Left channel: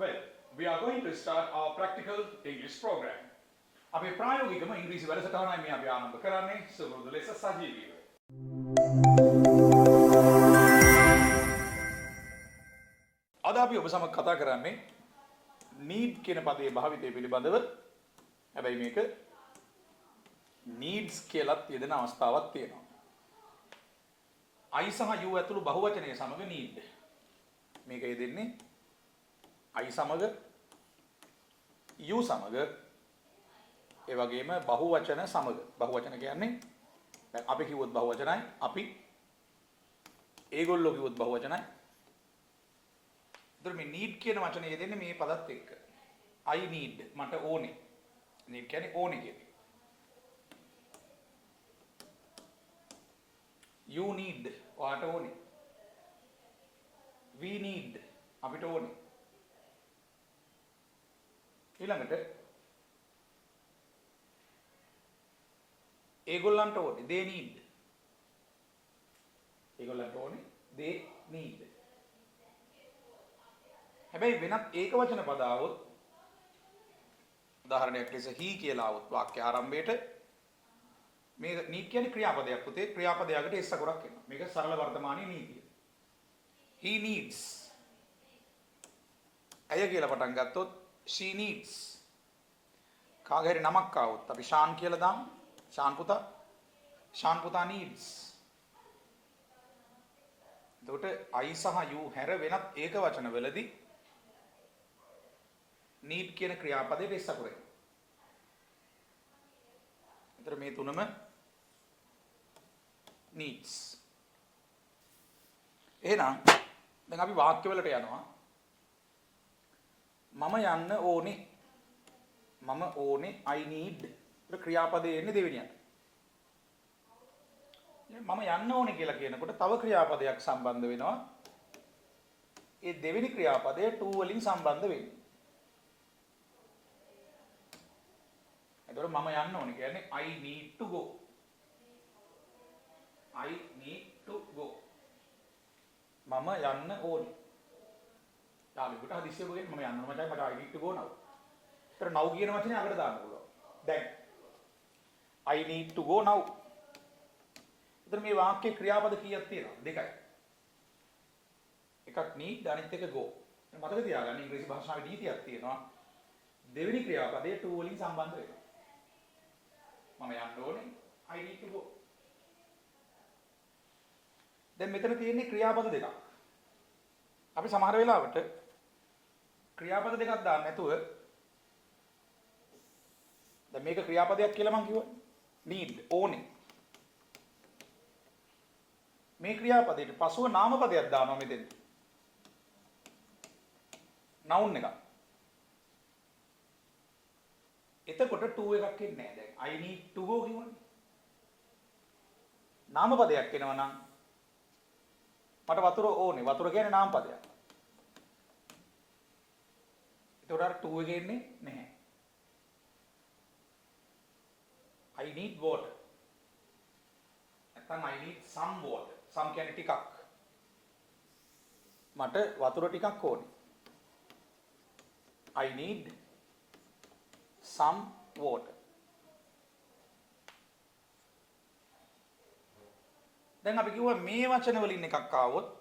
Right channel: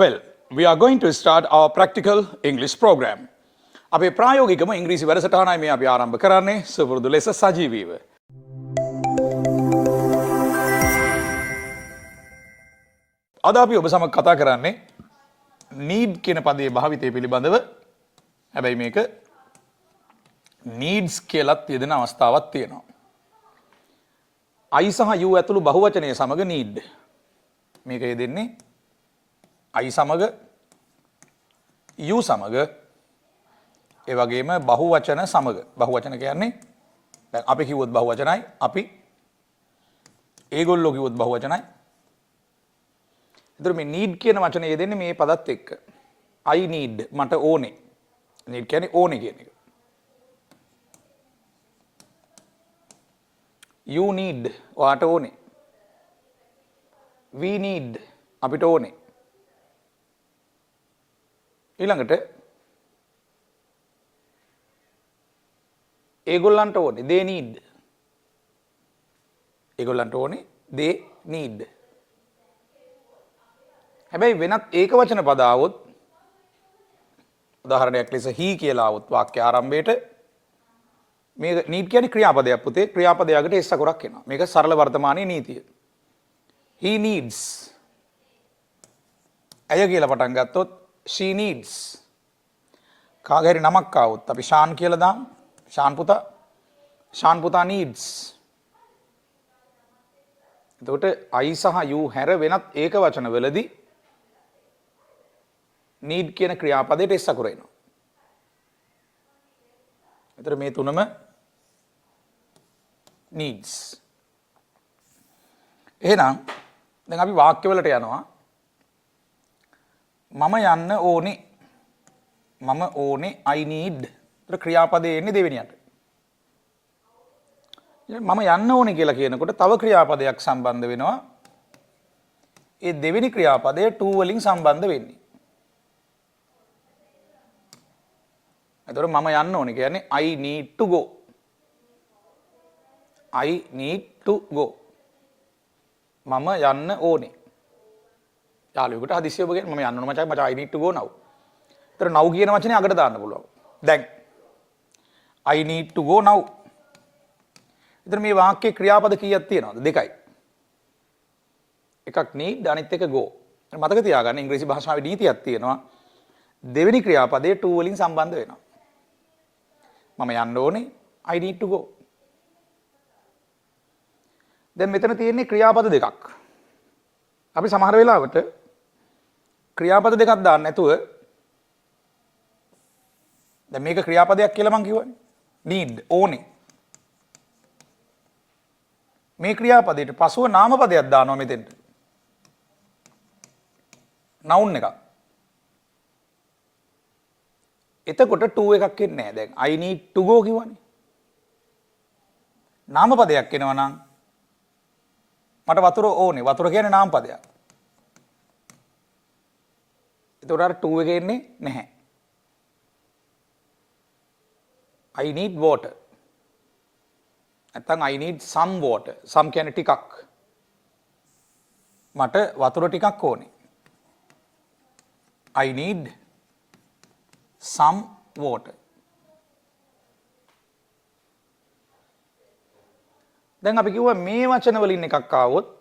Well, we are going to start our practical English program. අපේ ප්‍රායෝගිකම ඉංග්‍රීසි වැඩසටහනයි මේ අපි ආරම්භ කරන්නේ සුපුරුදු ලෙස සජීවීව. අද අපි ඔබ සමග කතා කරන්නේ need කියන පදයේ භාවිතය පිළිබඳව. හැබැයි මේක needs කියලාත් යෙදෙන අවස්ථාවක් තියෙනවා. I සහ you ඇතුළු බහුවචනයේ සමග need. මේක යෙදෙන්නේ I සමග you සමග ඒ වගේම බහුවචන සමග. බහුවචන කියන්නේ දැන් අපි කිව්වොත් බහුවචනයි, අපි ඒගොල්ලෝ කිව්වොත් බහුවචනයි. ඒතර මේ need කියන වචනේ යෙදෙන්නේ මේ පදත් එක්ක. I need මට ඕනේ. need කියන්නේ ඕනේ කියන එක. You need ඔයාට ඕනේ. We need අපිට ඕනේ. ඊළඟට ඒගොල්ලන්ට ඕනේ they need. ඒගොල්ලන්ට ඕනේ they need. හැබැයි වෙනත් ඒක වචන පද આવොත් උදාහරණයක් ලෙස he කියලා આવොත් වාක්‍ය ආරම්භයේට මේ need කියන්නේ ක්‍රියාපදයක් පුතේ. ක්‍රියාපදයකට s අකුරක් එනවා. මේක සරල වර්තමානයේ නීතිය. he needs. ඇය කියලා පටන් ගත්තොත් she needs. කාගේ හරි නමක් આવොත් අපි ශාන් කියලා දාමු. ශාන් පුතා needs. එතකොට I සහ you හැර වෙනත් ඒක වචන වලදී need කියන ක්‍රියාපදයට s අකුර එනවා. එතකොට මේ තුනම needs. එහෙනම් දැන් අපි වාක්‍යවලට යනවා. මම යන්න ඕනේ. මම ඕනේ I need. ඒතර ක්‍රියාපදේ එන්නේ දෙවෙනියට. මම යන්න ඕනේ කියලා කියනකොට තව ක්‍රියාපදයක් සම්බන්ධ වෙනවා. ඒ දෙවෙනි ක්‍රියාපදය to වලින් සම්බන්ධ වෙන්නේ. එතකොට මම යන්න ඕනේ කියන්නේ I need to go. I need to go. මම යන්න ඕනේ. යාළුවෙකුට හදිස්සිය ඔබ කියන්නේ මම යන්න ඕන මචං I need to go now. ඒතර now කියන වචනේ අගට දාන්න පුළුවන්. දැන් I need to go now. ඒතර මේ වාක්‍යයේ ක්‍රියාපද කීයක් තියෙනවද? දෙකයි. එකක් need අනිත් එක go. මතක තියාගන්න ඉංග්‍රීසි භාෂාවේ නීතියක් තියෙනවා. දෙවෙනි ක්‍රියාපදයේ to වලින් සම්බන්ධ වෙනවා. මම යන්න ඕනේ I need to go. දැන් මෙතන තියෙන්නේ ක්‍රියාපද දෙකක්. අපි සමහර වෙලාවට ක්‍රියාපද දෙකක් දාන්න නැතුව දැන් මේක ක්‍රියාපදයක් කියලා මං කිව්වනේ. need ඕනේ. මේ ක්‍රියාපදයට පසුව නාමපදයක් දානවා මෙතෙන්ට. noun එකක්. එතකොට to එකක් එන්නේ නැහැ. දැන් I need to go කිව්වනේ. නාමපදයක් එනවා නම් මට වතුර ඕනේ. වතුර කියන්නේ නාමපදයක්. ඒතකොට අර to එක එන්නේ නැහැ. I need water. නැත්නම් I need some water. some කියන්නේ ටිකක්. මට වතුර ටිකක් ඕනේ. I need some water. දැන් අපි කිව්වා මේ වචන වලින් එකක් ආවොත්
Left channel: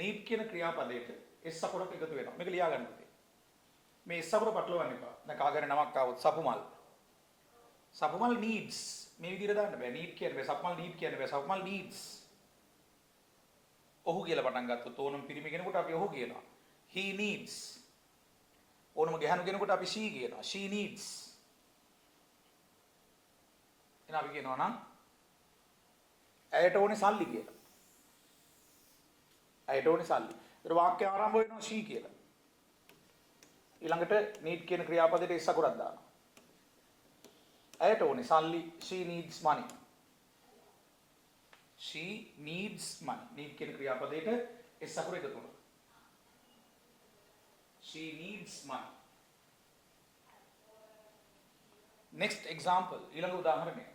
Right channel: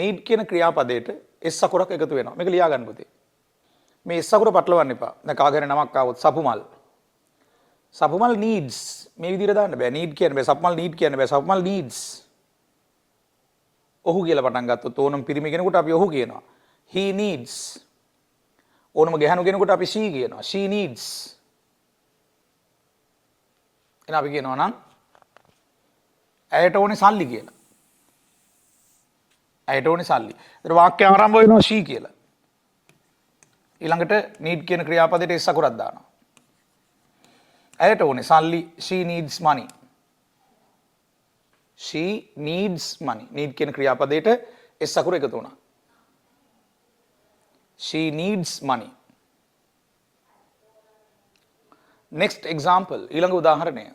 need කියන ක්‍රියාපදයට s අකුරක් එකතු වෙනවා. මේක ලියා ගන්න පුතේ. මේ s අකුර පටලවන්න එපා. දැන් කාගේ නමක් ආවොත් සපුමල්. සපුමල් needs මේ විදිහට දාන්න බෑ. need කියන්න බෑ. සපුමල් need කියන්න බෑ. සපුමල් needs. ඔහු කියලා පටන් ගත්තොත් ඕනම පිරිමි කෙනෙකුට අපි ඔහු කියනවා. he needs. ඕනම ගැහණු කෙනෙකුට අපි she කියනවා. she needs. එහෙනම් අපි කියනවා නම් ඇයට ඕනේ සල්ලි කියලා. ඇයට ඕනේ සල්ලි. ඒතර වාක්‍ය ආරම්භ වෙනවා she කියලා. ඊළඟට need කියන ක්‍රියාපදයට s අකුරක් දානවා. ඇයට ඕනේ සල්ලි she needs money. she needs money. need කියන ක්‍රියාපදයට s අකුර එකතු වුණා. she needs money. next example ඊළඟ උදාහරණය.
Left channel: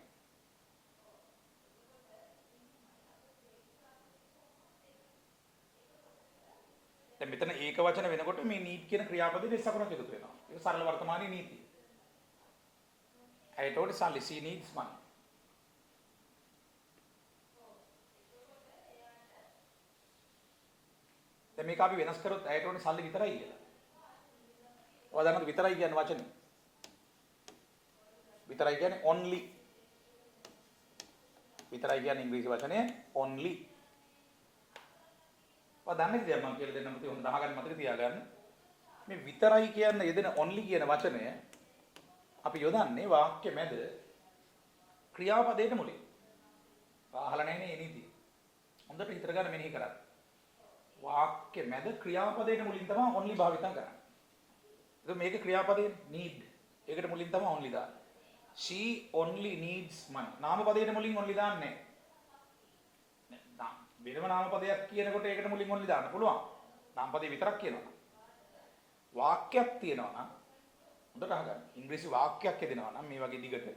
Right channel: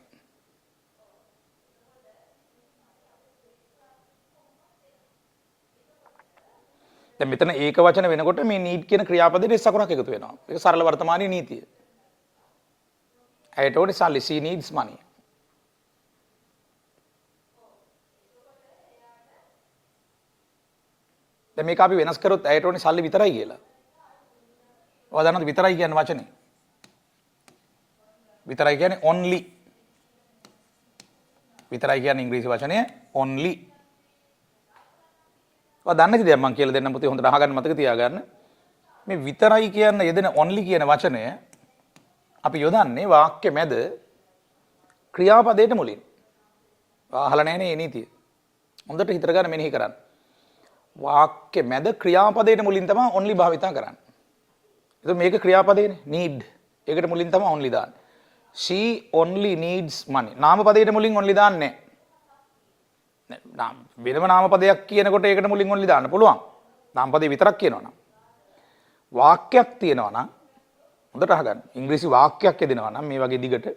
දැන් මෙතන ඒක වචන වෙනකොට මේ need කියන ක්‍රියාපදයට s අකුරක් එකතු වෙනවා. ඒක සරල වර්තමානීය නීතිය. ඇයට ඕනේ සල්ලි, she needs money. දැන් මේක අපි වෙනස් කරොත් ඇයට ඕනේ සල්ලි විතරයි කියලා. ඔයා දන්නවද විතරයි කියන වචනේ? විතරයි කියන්නේ only. විතරයි කියන්නේ ඉංග්‍රීසි වචනය only. ඔයා දන්නේ නැති දෙයක් මම කියලා දෙන්නම් පුතේ හොඳට අහගන්න මතක තියාගන්න. මේ විතරයි කියන යෙදෙන only කියන වචනය අපි යොදන්නේ වාක්‍ය මැද ක්‍රියාපදයට මුලින්. අහලා නැහැ නේ මේ නීතිය. හොඳට හිතර ගන්න මෙනෙහි කරන්න. වාක්‍ය මැද ක්‍රියාපදයට මුලින් තමයි only භාවිතා කරන්නේ. එතකොට මේක ක්‍රියාපදේනේ need. ඒකට මුලින් තමයි only දාන්නේ. She only needs money. නාමපදයට මුලින් only දාන්නේ නැහැ. වෙනම නාමපදයක් කියනකොට ඒකට මුලින් only දාන්න පුළුවන්. නාමපදේ විතරක් කියනවා නම්. වාක්‍යයක් තියෙනවා නම් හොඳට අහගන්න. ඉංග්‍රීසි වාක්‍යයක් යදෙනවා නම් මේ වගේ දිගට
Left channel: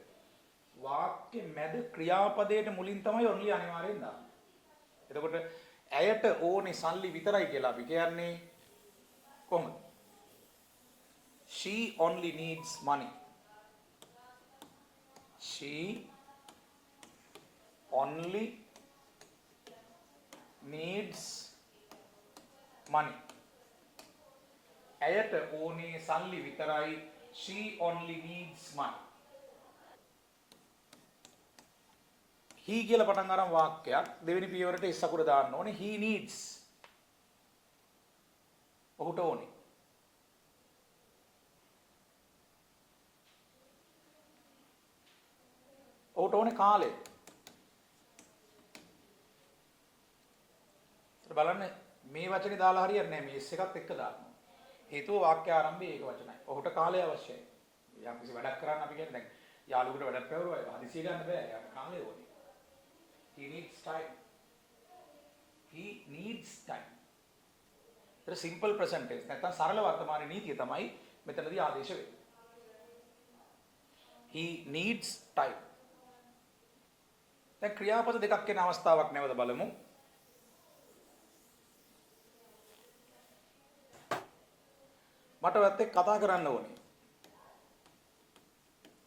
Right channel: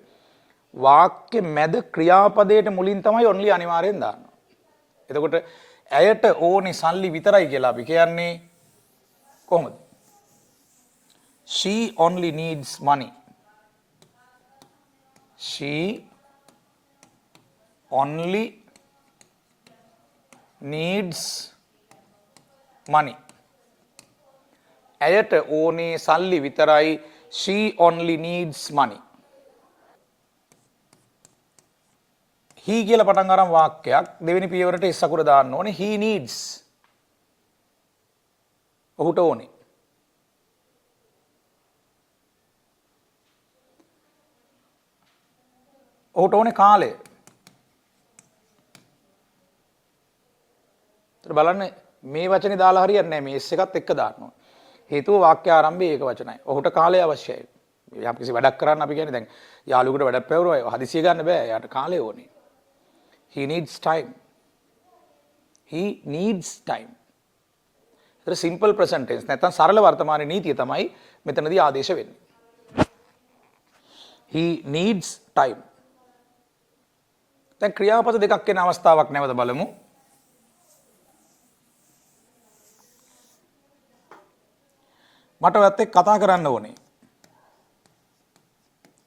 වාක්‍ය මැද ක්‍රියාපදයට මුලින් තමයි only අනිවාර්යෙන් දාන්නේ. එතකොට ඇයට ඕනේ සල්ලි විතරයි කියලා අපි කියන්නේ කොහොමද? She only needs money. She only needs money. ඇයට ඕනේ සල්ලි විතරයි. She only needs money. he කියලා පටන් අරන් වාක්‍යයක් දෙවෙනි පියවරට s අකුර දාන්න ඕනේ. he needs. ඔහුට ඕනේ. ඔහුට ඕනේ කාලය. ඒත් බලන්න මේ වචනේ දාලා හරියන්නේ නැහැ. මේ s එකත් එක්ක දාන්න ඕනේ. හේතුව වාක්‍ය ආරම්භයේ ඒක වචනයි. ඔහුට කාලය අවශ්‍යයි. යම් කිසි වැඩක් කරන්න අපි කියන්නේ දැන් යාළුවෙකුට වැඩක් පැවරුවා හදිසිය ගන්න බෑ. එයාට කාලය ඕනේ. He needs time. He needs time. ඒක simple present tense. නැත්නම් සරල වර්තමාන නීතිය තමයි මෙතනදී ආදේශ වෙන්නේ. He needs time. දැන් ක්‍රියාපද දෙකක් වෙන අවස්ථාවක් නැවත බලමු. මට ඔයත් එක්ක කතා කරන්න ඕනේ.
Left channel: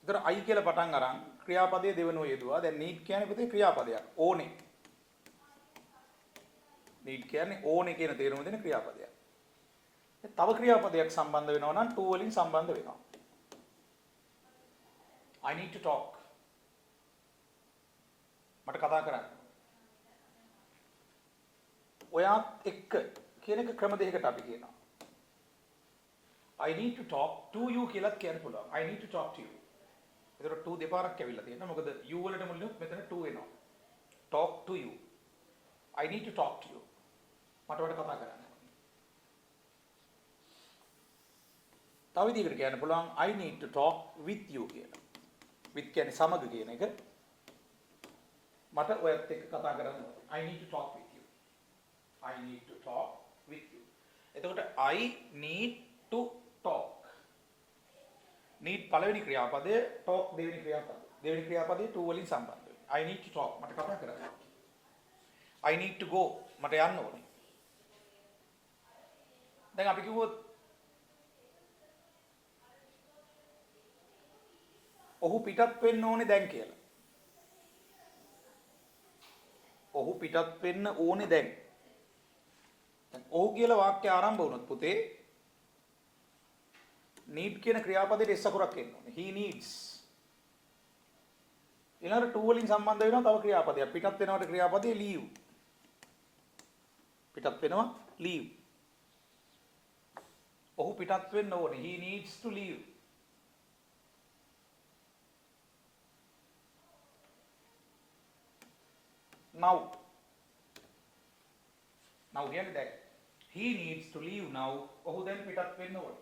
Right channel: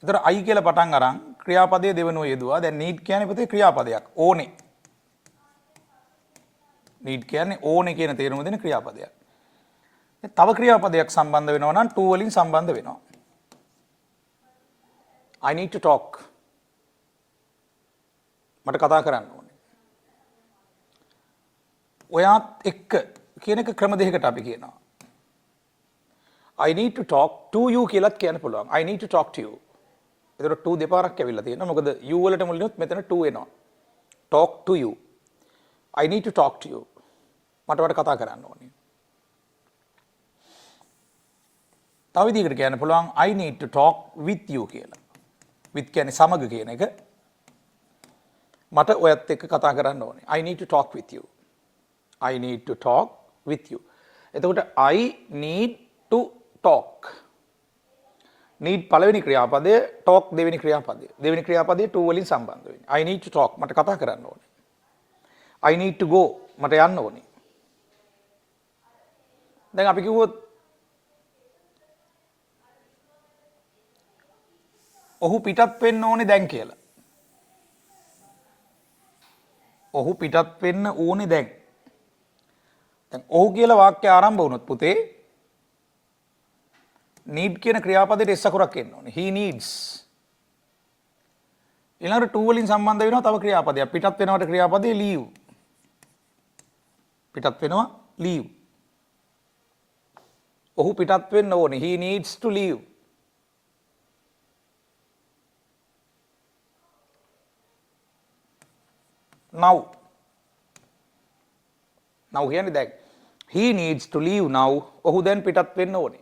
ඒතර I කියලා පටන් අරන් ක්‍රියාපදයේ දෙවනුව යෙදුවා. දැන් need කියන්නේ පුතේ ක්‍රියාපදයක්. ඕනේ. need කියන්නේ ඕනේ කියන තේරුම දෙන ක්‍රියාපදයක්. තව ක්‍රියාපදයක් සම්බන්ධ වෙනවා නම් to වලින් සම්බන්ධ වෙනවා. I need to talk. මට කතා කරන්න ඕනේ. ඔයාත් එක්ක කියන එක ක්‍රම දෙකකට අපි කියනවා. I need to talk to you කියලාත් කියන්න පුළුවන්. I need to talk to you. ඒතර to දෙපාරක් ඇවිල්ලා තියෙනවා. මොකද you වලට මුලිනුත් මෙතන to එනවා. Talk to you. I need to talk to you. මට කතා කරන්න ඕනේ. තව විදිහකට කියන්න පුළුවන් I need to talk with you කියලා. with කියන්නේ සමග කියන එක. මට ඔයත් එක්ක කතා කරන්න ඕනේ. I need to talk with you. I need to talk with you. එතකොට I need to talk. need පළවෙනි ක්‍රියාපදය, talk දෙවෙනි ක්‍රියාපදය. දෙවෙනි ක්‍රියාපදයේ to වලින් සම්බන්ධ වෙන්නේ. I need to talk මට කතා කරන්න ඕනේ. I need to go මට යන්න ඕනේ. දැන් අපි කිව්වොත් ඔහු පිටත් වෙන්න ඕනේ දැන් කියලා. ඔහු පිටත් වෙන්න ඕනේ දැන්. දැන් ඔහු කියලා වාක්‍ය ආරම්භ වුණොත් පුතේ need කියන ක්‍රියාපදයට s අකුරක් එන්න ඕනේ. he needs. ඊළඟට to වලින් සම්බන්ධ වෙනවා තව ක්‍රියාපදයක්. පිටත් වෙනවට ක්‍රියාපදේ leave. පිටත් වෙනවා leave. ඔහු පිටත් වෙන්න ඕනේ. he needs to leave. now කියන්නේ දැන් he needs to leave now. ඔහු දැන් පිටත් වෙන්න ඕනේ.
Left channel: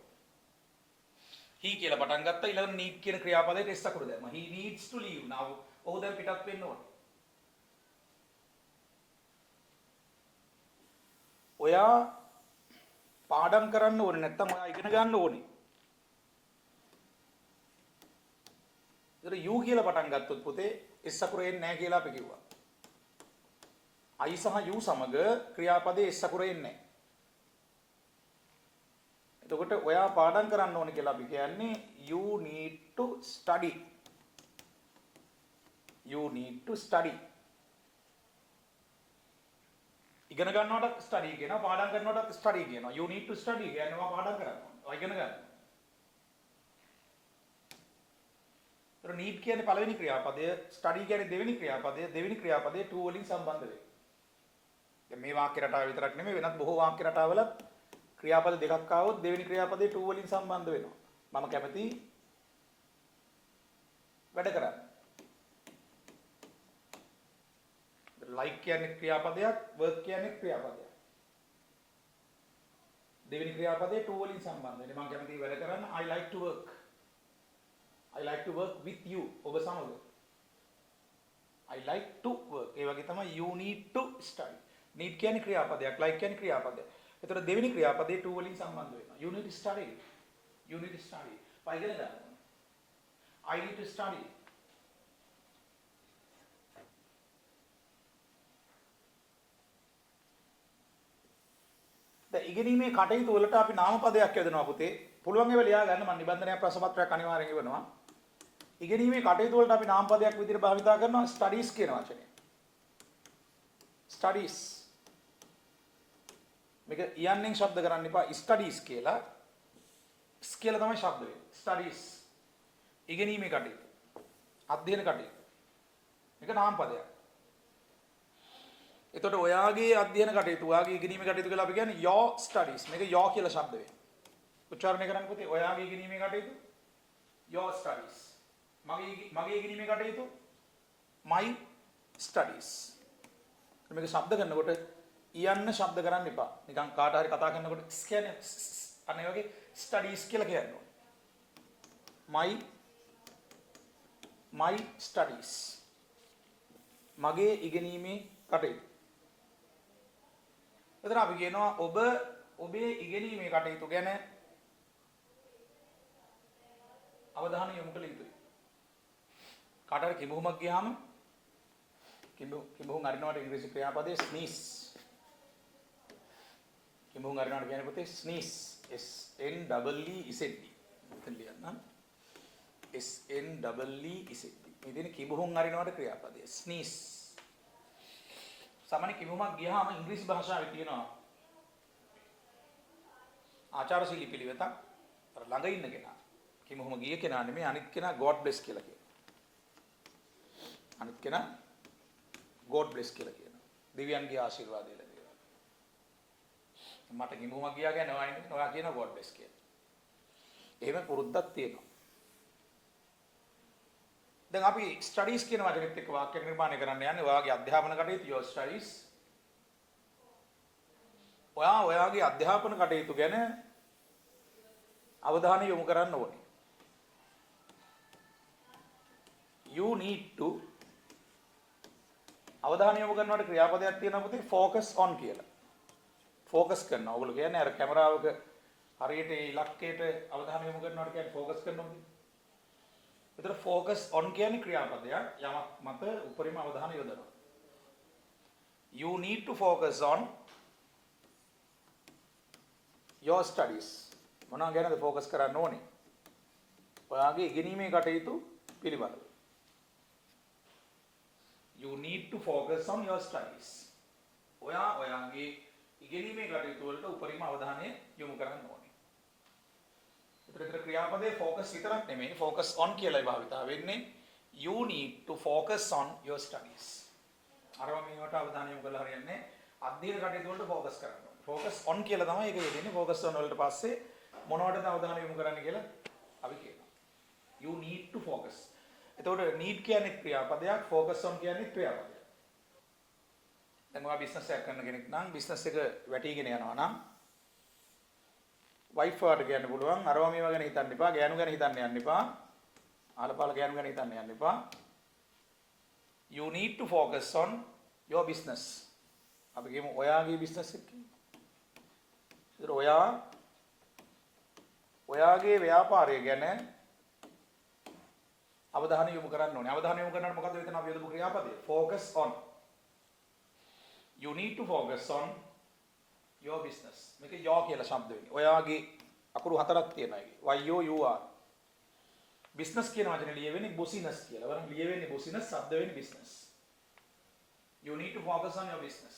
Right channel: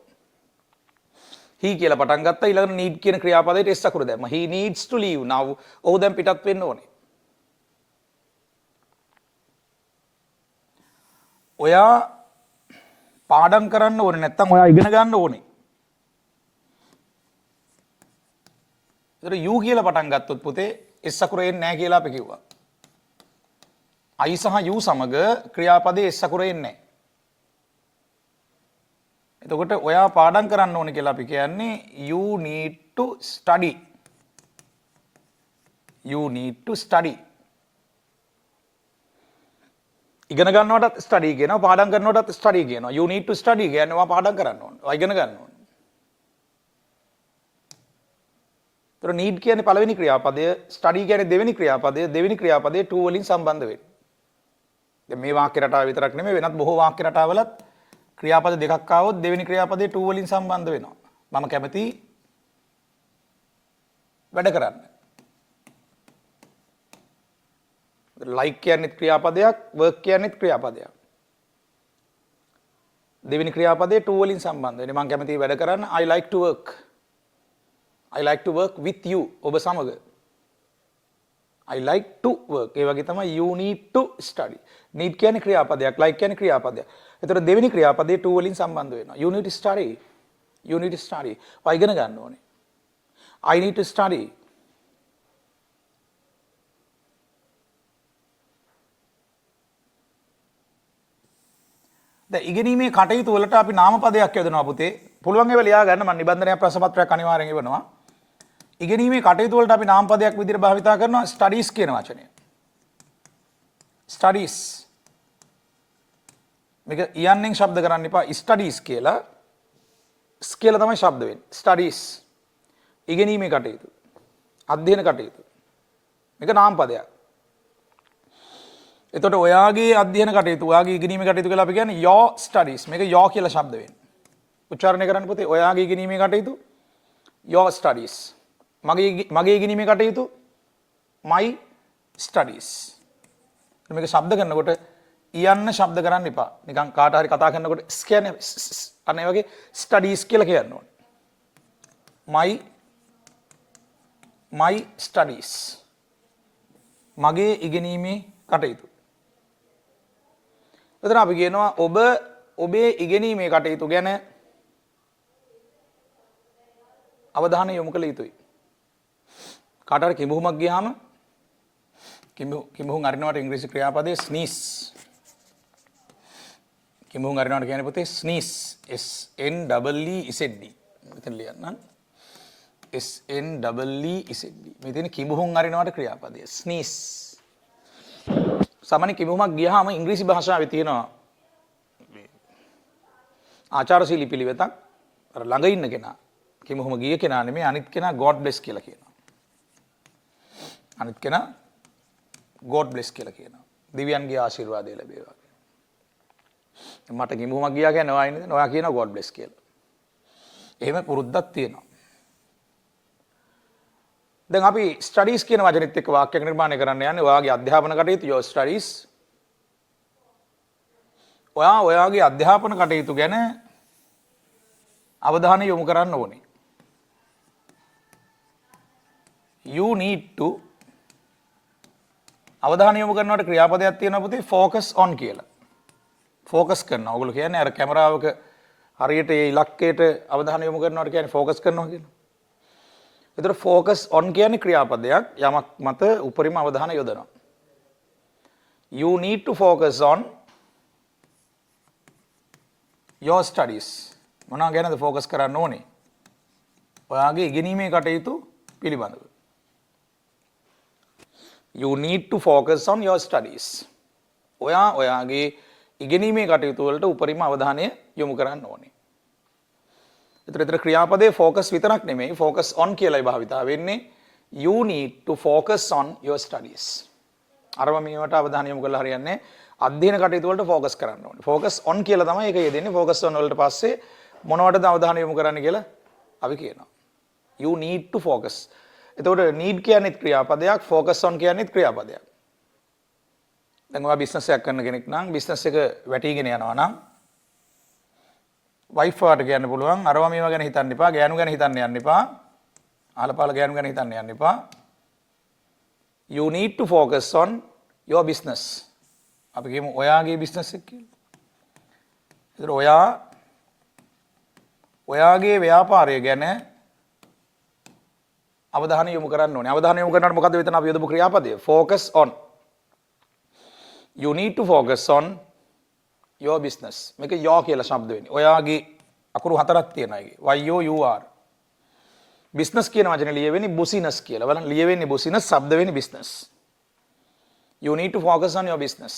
he කියලා පටන් ගත්තා ඊළඟට need කියන ක්‍රියාපදයට s අකුර දැම්මා. he needs to leave now. ඔහු දැන් පිටත් වෙන්න ඕනේ. ඔයා පාඩම් කරන්න ඕනේ නැත්නම් ඔයා ඉගෙන ගන්න ඕනේ. ඒතර you කියලා පටන් ගත්තොත් පුතේ s අකුර එන්නේ නැහැ කියලා අපි කිව්වා. I සහ you සමග ක්‍රියාපදයේ s අකුර එන්නේ නැහැ. එතකොට ඔයා පාඩම් කරන්න ඕනේ කියලා අපි කියන්නේ you need to study. You need to study. ඉගෙන ගන්නවටත් ස්ටඩි කියනවා පාඩම් කරනවටත් ස්ටඩි කියනවා. You need to study කියන්නේ ඔයා පාඩම් කරන්න ඕනේ. ඔයා ඉගෙන ගන්න ඕනේ. ඒතර need කියන්නේ පළවෙනි ක්‍රියාපදය, study කියන්නේ දෙවෙනි ක්‍රියාපදය, දෙවෙනි ක්‍රියාපදය to වලින් සම්බන්ධ වෙන්නේ. දැන් මේ වාක්‍ය රටාව විතරක් නෙමෙයි වෙනත් බොහෝ වාක්‍ය රටාවලත් ක්‍රියාපද දෙකක් ආවොත් දෙවෙනි ක්‍රියාපදේ to වලින් සම්බන්ධ වෙනවා. මම කැමති වැඩ කරන්න. like කියන්නේත් ක්‍රියාපදයක්, work කියන්නේත් ක්‍රියාපදයක්. දෙවෙනි ක්‍රියාපදේ to වලින් සම්බන්ධ වෙන්නේ. මම කැමති වැඩ කරන්න. I like to work. I like to work with you. ඔබ සමග. I like to work. ඒ වගේ තමයි you need to study. need කියන්නේ ක්‍රියාපදයක්, like කියන්නේ ක්‍රියාපදයක්. ඒතර දෙවෙනි ක්‍රියාපදේ to වලින් සම්බන්ධ වෙනවා. You need to study. You need to study. ඔය ඉගෙන ගන්න ඕනේ. I need to study. දැන් ඉගෙනීමේ කටයුතු වලට අපි නාමපදයක් යොදනවා පුතේ. පුළුවන් ඒවා ලියා ගන්න මම නිබන්ධනයක් ප්‍රශ්න පත්‍රයක් අනිවාර්යෙන් එවනවා. ඉගෙනීමේ කටයුතු වලට අපි නාමපදයක් විදිහට භාවිතා කරනවා studies කියන වචනය. studies. මේක යන්නෙන් ශබ්ද කරන්න එපා studies කියලා. කියලා තමයි ශබ්ද වෙන්නේ. studies. ඉගෙනීමේ කටයුතු. අධ්‍යයන කටයුතු. මේක නාමපදයක්. එතකොට ඔයාගේ අධ්‍යයන කටයුතු, ඔයාගේ ඉගෙනීමේ කටයුතු කියලා අපි කියන්නේ your studies. මේක your කියලා ශබ්ද වෙන්නේ. උච්චාරණය කරන්න පුතේ ඔයාගේ ඉගෙනීමේ කටයුතු your studies. මගේ ඉගෙනීමේ කටයුතු my studies. මේක ශබ්ද කරනකොට යන්න ශබ්ද කරන්න එපා. නිකන් කාට හරි කතා කරනකොට කියන්නේ අන්න ඒ වගේ studies කියලා කියන්න ඕනේ. my studies. මගේ ඉගෙනීමේ කටයුතු. එතන අපි කියනවා ඔබ ඔබේ ඉගෙනීමේ කටයුතු ගැන අවධානය යොමු කළ යුතුයි. කාට හරි කිඹුහුමක් ගියාම කිඹුහුන් අරිනවට ඉංග්‍රීසි ක්‍රියාපදයේ sneeze. කිඹුහුන් අරිනවට කියන්නේ පුතේ sneeze. S N E E Z D. මෙතන ලියන්න. S N E E Z D. මේ තියෙන කිඹුහුන් අරිනවට ක්‍රියාපදය sneeze. සාමාන්‍ය කිඹුහුමක් ගියාම ඉංග්‍රීසි භාෂාවේ තියෙනවා ආචාරශීලී පිළිවෙතක්. අර ළඟ ඉන්න කෙනා කිඹුහුම ගිය කෙනා නෙමෙයි අනිත් කෙනා God bless කියලා කියනවා. අනිත් කෙනා God bless කියලා කියනවා. දෙවියන්ගේ ආශිර්වාදය ලැබේවා. මට කිඹුහුමක් ගියා කියන්නේ ඔයා ඉන්නේ ඔයා කියනවා God bless කියලා. එහෙම පුරුද්දක් තියෙනවා. දැන් අපි ස්ටඩීස් කියන වචනේත් එක්ක වාක්‍යයක් නිර්මාණය කරන්න යන්නේ ඔයාගේ අධ්‍යාපන කටයුතු your studies. ඔයාගේ අධ්‍යාපන කටයුතු ගැන අවධානය යොමු කරන්න ඕනේ. You need to අවධානය යොමු කරනකොට ක්‍රියාපදයක් තියෙනවා පුතේ focus on කියලා. focus කරනවා. ඔයගොල්ලෝ කියන්නේ අර කැමරාවක හරියට ඒ ඉලක්කයට අවධානය යොමු කරනවට කියන්නේ focus කරනවා කියලා. ඒතර focus on කියන්නේ ක්‍රියාපදයක් යමක් මත උපරිම අවධානය යොදනවා. You need to focus on your studies. මොනවා ගැනද focus කරන්න ඕනේ? ඔයාගේ ඉගෙනීමේ කටයුතු පිළිබඳව. You need to focus on your studies. ඔයාගේ ඉගෙනීමේ කටයුතු වලට උපරිම අවධානය යොමු කරන්න ඕනේ. ඒතර ක්‍රියාපදයේ focus විතරක් නෙමෙයි focus on කියලායි භාවිතා වෙන්නේ. You need to focus on your studies. අරම මේවට අවධානය යොමු කරලා හරියන්නේ අධ්‍යයන කටයුතු වලට focus කරන්න ඕනේ. focus on කියලා තමයි ඒක යෙදෙන්නේ. focus on වලට පස්සේ මොනවටද අවධානය යොමු කරන්න කියලා අපි කියනවා. You need to focus. එතකොට need කියන්නේ ක්‍රියාපදයක්, focus on කියන්නේ ක්‍රියාපදයක්. දැන් ඔයා බිස්නස් එකක් කරන කෙනෙක් නම් බිස්නස් එක වැටීගෙන යනවා නම් වයිෆ් වාට කියන්න පුළුවන් අරවා මේවා ගැන හිතන්න එපා, ගෑනු ගැන හිතන්න යන්න එපා, ආලපාල ගෑනු ගැන හිතන්න යන්න එපා. You need to focus on your business. අපි කියමු ඔයාගේ බිස්නස් එක කියලා. ඒතර ඔයාගේ ව්‍යාපාරය ගැන අවධානය යොමු කරන්න ඕනේ. අවධානය යොමු කරනකොට මොකද වෙතන අපි යොදපු ක්‍රියාපදය? focus on. You need to focus on your business. මේක your කියලා ශබ්ද වෙන්නේ. ඔයාගේ අකුරු හතරක් තියෙනවා ඒකේ. Y O U R. business කියන වචනේ ලියවෙන්නේ business කියලා. බලන්න ලියවෙන්නේ business, શબ્ද වෙන්නේ business. You need to focus on your business.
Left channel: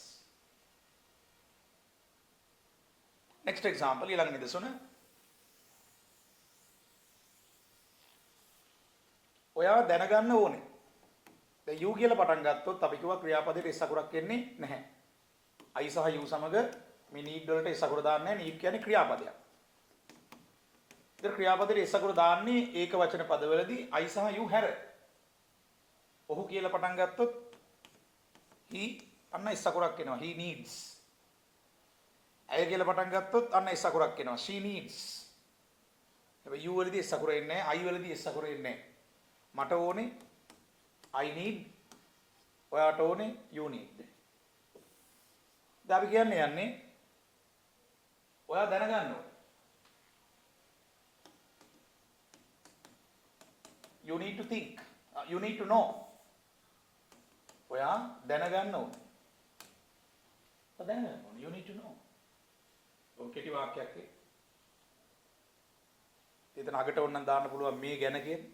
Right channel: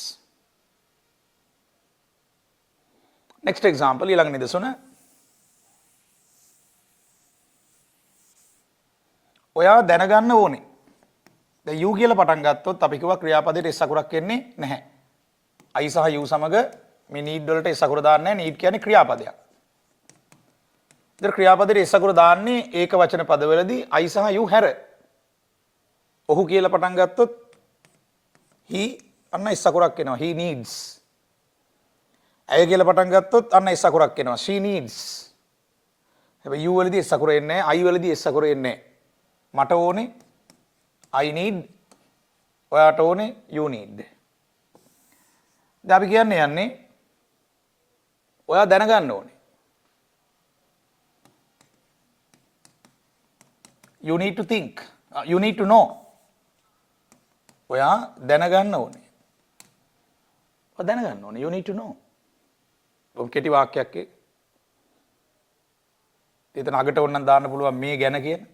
Next example ඊළඟ නිදසුන. ඔයා දැනගන්න ඕනේ. දැන් you කියලා පටන් ගත්තොත් අපි කිව්වා ක්‍රියාපදයට s අකුරක් එන්නේ නැහැ. I සහ you සමග මේ need වලට s අකුර දාන්නේ නැහැ. need කියන්නේ ක්‍රියාපදයක්. ඉතින් ක්‍රියාපදයට s අකුර දාන්නේ ඒක වචන පදවලදී I සහ you හැර. ඔහු කියලා පටන් ගත්තොත් he අන්න s අකුරක් එනවා. he needs. ඇය කියලා පටන් ගත්තොත් අන්න s අකුරක් එනවා. she needs. හැබැයි you වලදී s අකුර එන්නේ නැහැ. I වලදී s අකුර එන්නේ නැහැ. මට ඕනේ I need, ඔයාට ඕනේ you need. දැන් අපි කියන්නේ යන්නේ ඔයා දැනගන්න ඕනේ. You need to think. You need to know. ඔයා දැනගන්න ඕනේ. ඔයා දැනගන්න ඕනේ. You need to know. ඔබ කෙටි වාක්‍යයක් එතන අගට ඕනනම් දාන්න පුළුවන් මේ ගැන කියන.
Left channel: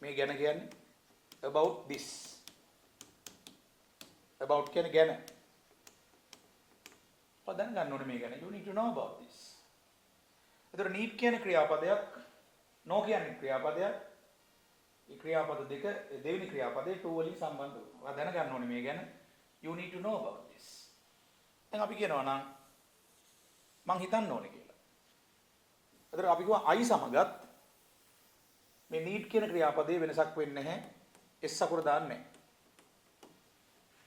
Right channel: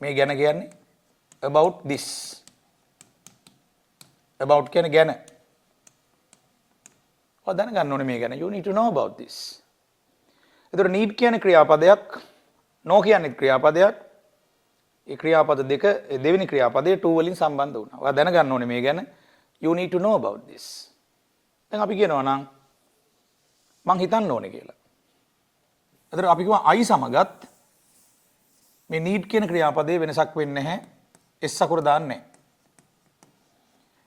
මේ ගැන කියන්නේ about this. about කියන්නේ ගැන. ඔයා දැනගන්න ඕනේ මේ ගැන. You need to know about this. ඒතර need කියන්නේ ක්‍රියාපදයක්. no කියන්නේ ක්‍රියාපදයක්. ඒ ක්‍රියාපද දෙක දෙවෙනි ක්‍රියාපදයේ to වලින් සම්බන්ධ වුණා. ඔයා දැනගන්න ඕනේ මේ ගැන. You need to know about this. දැන් අපි කියනවා නම් මං හිතන්න ඕනේ කියලා. ඒතර අපි කියනවා I සමගත් මේ need කියන ක්‍රියාපදයේ වෙනසක් වෙන්නේ නැහැ. s අකුර දාන්නේ නැහැ.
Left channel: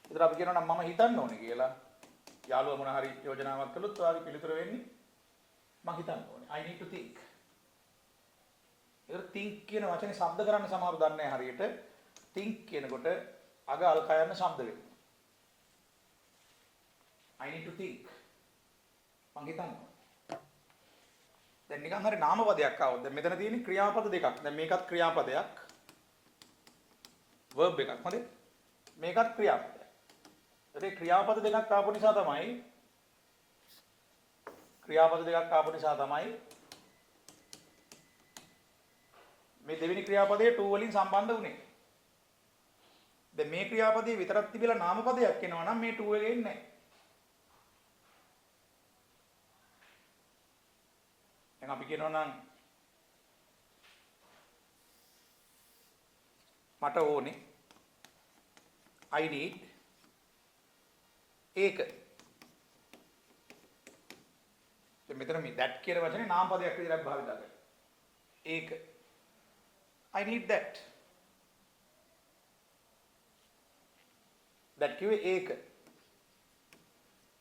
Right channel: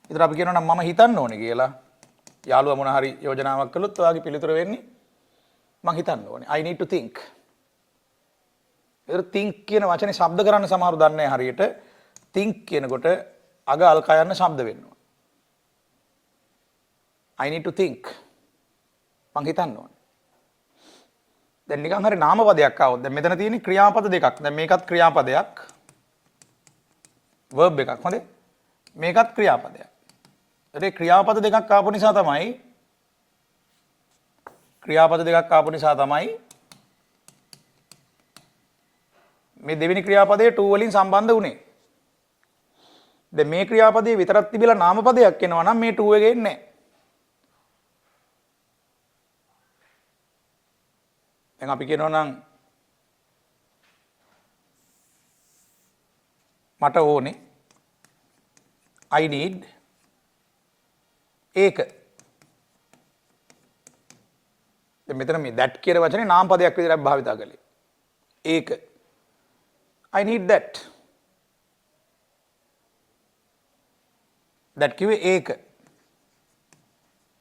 ඒතර අපි කියනවා නම් මම හිතන්න ඕනේ කියලා. යාළුවා මොන හරි යෝජනාවක් කළොත් ඔයාගේ පිළිතුර වෙන්නේ මං හිතන්න ඕනේ. I need to think. ඒතර think කියන වචනේ ශබ්ද කරන්න සමහරව දන්නේ නැහැ හරියට. think කියනකොට අග අල්කා යන ශබ්ද වෙනවා. I need to think. මං හිතන්න ඕනේ. දැන් නිකන් හරි නාමපදයක් ආවොත් දැන් මෙතන තියෙන්නේ ක්‍රියාපද දෙකක්. දැන් මේකත් ක්‍රියාපදයක්. verb එකක්. හොඳේ. මේකත් ක්‍රියාපදයක්. ඒ ක්‍රියාපද දෙකක් ආපු නිසා තමයි මේ දෙවෙනි ක්‍රියාපදයේ to වලින් සම්බන්ධ වුණේ. දැන් මේ ක්‍රියාපදයේ විතරක් තිබිලා නාමපදයක් එනවා නම් මේ to එකේ එන්නේ නැහැ. දැන් අපි කියනවා නම් මට ඕනේ I need ඒක. දැන් මෙතන මේ that කියන වචනේ නාම පදයක් විදිහට භාවිතා කළේ. ඒක. I need that. that කිව්වේ ඒක.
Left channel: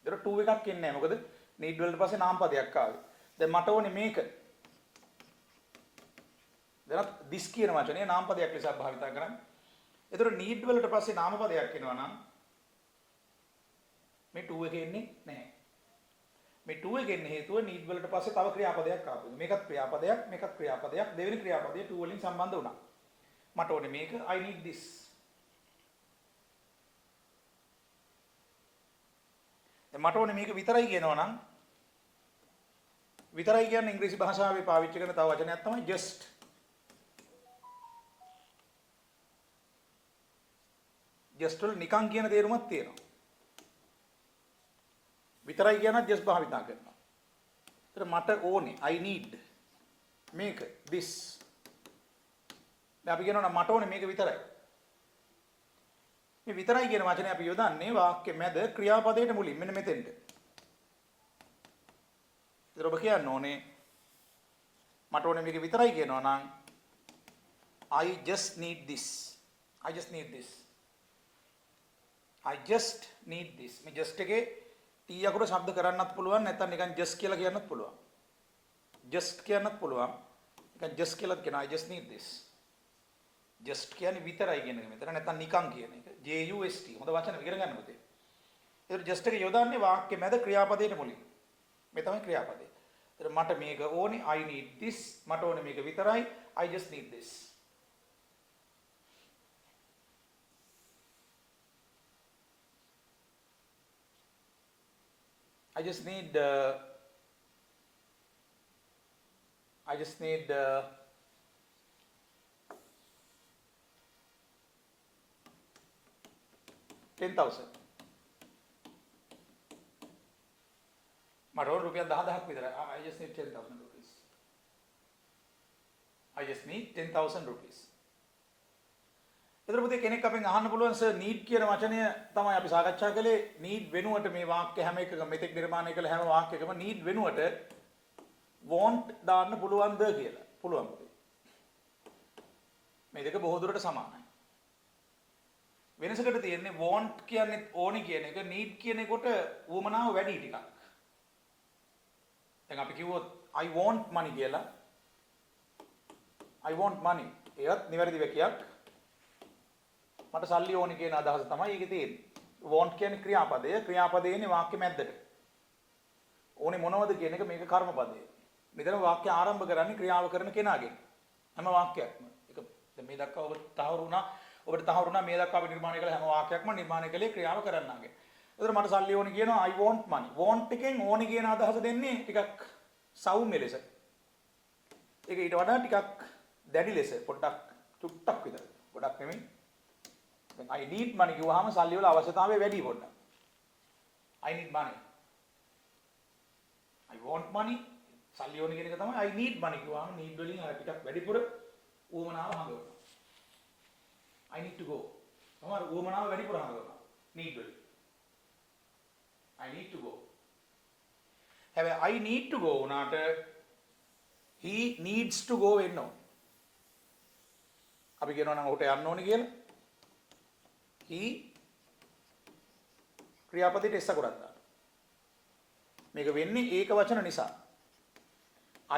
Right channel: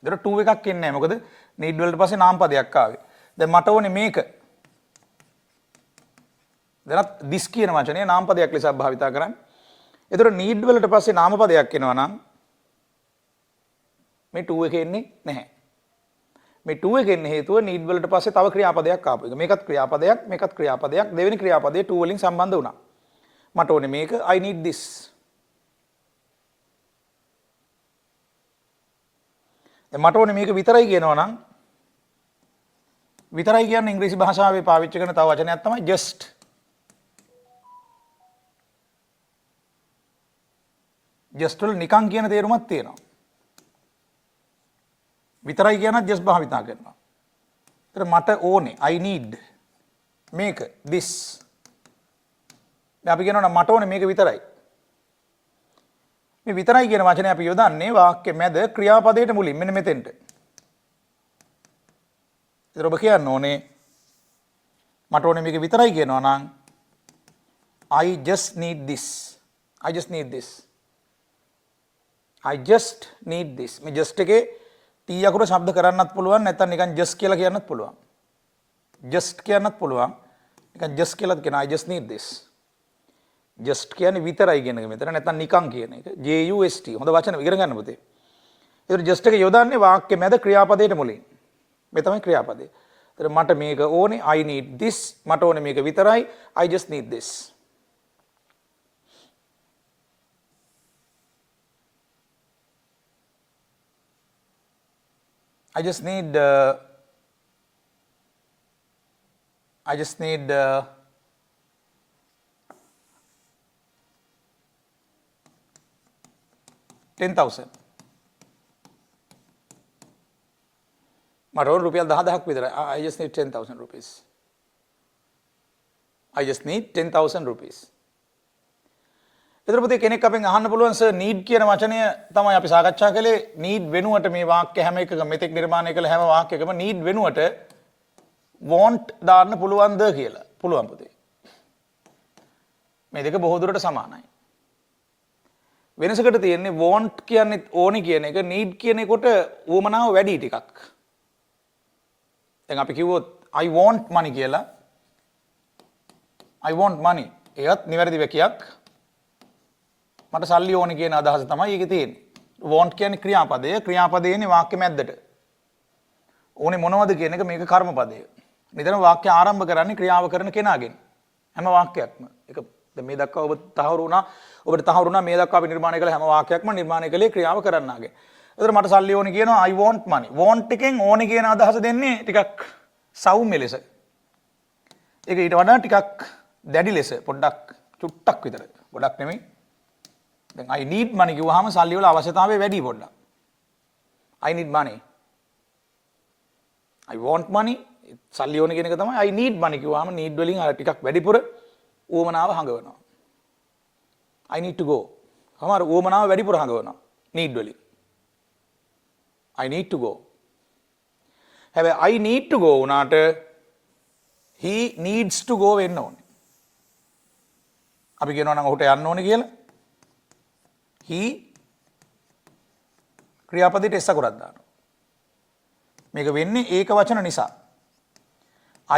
දර to එකක් එන්නේ නැහැ. මොකද need වලට පස්සේ නාම පදයක් ආවේ. දැන් මට ඕනේ මේක. දැන් this කියන වචනේ නාම පදයක් ලෙස භාවිතා කරන්නේ. ඒතර need වලට පස්සේ නාම පදයක් එනවා නම් මේ to එක එන්නේ නැහැ. මේ to එක එන්නේ හේතුව need වලට පස්සේ තව ක්‍රියාපදයක් ආපු එක. මේකත් ක්‍රියාපදයක්. දෙවෙනි ක්‍රියාපදයේ to වලින් සම්බන්ධ වුණා. මට ඕනේ මේක I need this. දැන් මට ඕනේ මේක විතරයි කියනවා නම් විතරයි කියන්නේ ඉංග්‍රීසි භාෂාවේ පාවිච්චි කරන තව වචනයක් තමයි just. just වල නිකන් කියන තේරුමක් තියෙනවා. විතරයි කියනත් just භාවිතා කරනවා. ඒතර මට ඕනේ I need මේක this. දැන් අපි කියනවා නම් මට ඕනේ මේක විතරයි. මේ විතරයි කියන වචනේ අපි යොදන්නේ වාක්‍ය මැද ක්‍රියාපදයට මුලින් මෙන්න මෙතෙන්ට. ඒතර ඔබ කියන්න ඕනේ මට ඕනේ මේක විතරයි කියනවා නම් I just need this. I just need this. I just need this. මේ just එකේ t අකුර ශබ්ද කරන්නත් පුළුවන් නැත්නම් නිකන් just කියලා කියන්නත් පුළුවන්. just කියන්නත් පුළුවන්. නිකන් just කියලාත් කියන I just need this. just කියන්නේ විතරයි කියන එක මෙතන නැත්නම් නිකන් කියන එක. just. හොඳ වචන ඉගෙන ගන්න පුතේ. ඒතර just එක යොදන්නේ වාක්‍ය මැද ක්‍රියාපදයට මුලින්. මේ තමයි ක්‍රියාපදේ. ඒතර මට මේක ඕනේ I need this. මට ඕනේ මේක විතරයි I just need this. I just need I just need 10,000. මට ඕන රුපියල් 10,000ක් විතරයි. I just need 10,000 rupees. I just need 10,000 rupees. එතකොට කෙනෙක් අපෙන් අහන්න පුළුවන් සර් need කියන වචනය තමයි අපි සාකච්ඡා කළේ need වෙනුවට මේ වාක්‍ය හැම එකකම මෙතෙක් නිර්මාණය කළ හැම වාක්‍යයකම need වෙනුවට want දාන්න පුළුවන්ද කියලා. පුළුවන් පුතේ. මේ දෙක බොහෝ දුරට සමානයි. වෙනසකට තියෙන්නේ want කියන්නේ ඕනි කියන එක need කියන එකට උවමනාව වැඩි ටිකක්. දැන් අපි කිව්වොත් I want money කියලා. I want money. ඒකත් නිවැරදි වැකියක්. මට සල්ලි ඕනි කියන අදහස තමයි ඒකේ තියෙන්නේ. want කියන්නේ ක්‍රියාපදය. ක්‍රියාපදේ ඉන්නේ වාක්‍ය මැද්දට. ඕනේ මොනවද කියන එක මේක කර්මපදය. නිතරම වාක්‍ය ආරම්භ කරන්නේ ක්‍රියාව කරන කෙනාගෙන්. හැම වාක්‍යයක්ම. ඒක දැන් මේ දක්වා ඔබ තහවුරු වුණා. ඔබට තහවුරු වුණා මේ දක්වා අපි නිර්මාණය කළ හැම වාක්‍යයක්ම නිර්මාණය කළේ ක්‍රියාව කරන්නාගේ. එතකොට මට සල්ලි ඕනි කියනවා I want money. want එකෙන් ඕනි කියන අදහස දෙන්නේ ටිකක් සෞම්‍ය ලෙස. ඒක ඊට වඩා ටිකක් දැඩි ලෙස පොඩ්ඩක් චුට්ටක් විතර. ගොඩක් නෙමෙයි. දැන් I need money කිව්වහම සල්ලි වල අවශ්‍යතාවය වැඩි පොඩ්ඩක්. I need money. I want money. සල්ලි ඕනි කියන එක තමයි I need money කිව්වහම need වලින් අර ටිකක් වැඩිපුර ඌමනාව හඟවනවා. I need to go. සමහර ඌමනාව වැඩිපුර හඟවනවා. need වලින්. I need to go. හැබැයි I need to go උනාට he needs to go වෙන්න ඕනේ. අපි කියනවා නම් ඔහුට යන්න ඕනේ කියලා. he ක්‍රියාපදයට s අකුරක් දානවා. මේක වෙන්නේ ඒක වචන නිසා.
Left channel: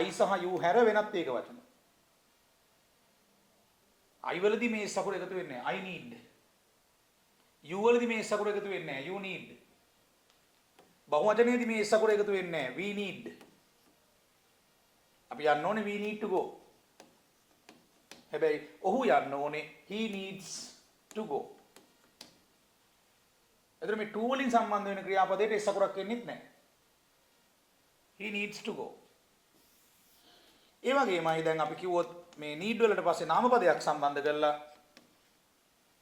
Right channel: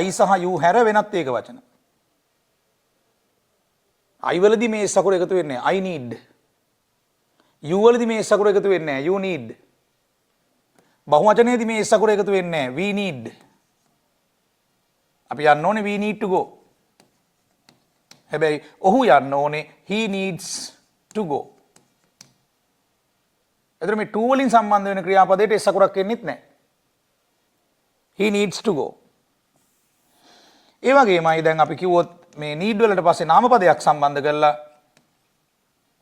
I සහ you හැර වෙනත් ඒක වචන. I වලදී මේ s අකුර එකතු වෙන්නේ I need. you වලදී මේ s අකුර එකතු වෙන්නේ you need. බහුවචනයේදී මේ s අකුර එකතු වෙන්නේ we need. අපි යන්න ඕනේ we need to go. හැබැයි ඔහු යන්න ඕනේ he needs to go. එතන මේ to වලින් සම්බන්ධ වෙන ක්‍රියාපදයට s අකුරක් එන්නෙත් නැහැ. he needs to go. ඒ වගේමයි දැන් අපි කිව්වොත් මේ need වලට පස්සේ නාමපදයක් සම්බන්ධ කරලා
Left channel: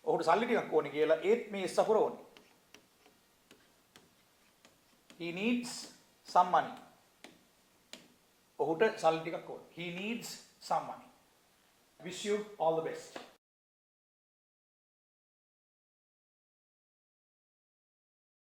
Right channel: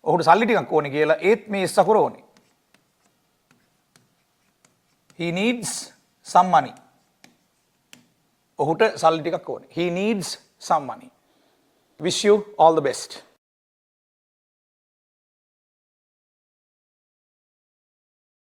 ඔහුට සල්ලි ටිකක් ඕනේ කියලා ඒත් මේ s අකුර ඕනේ. he needs some money. ඔහුට සල්ලි ටිකක් ඕනේ. he needs some money. Wish you all the best.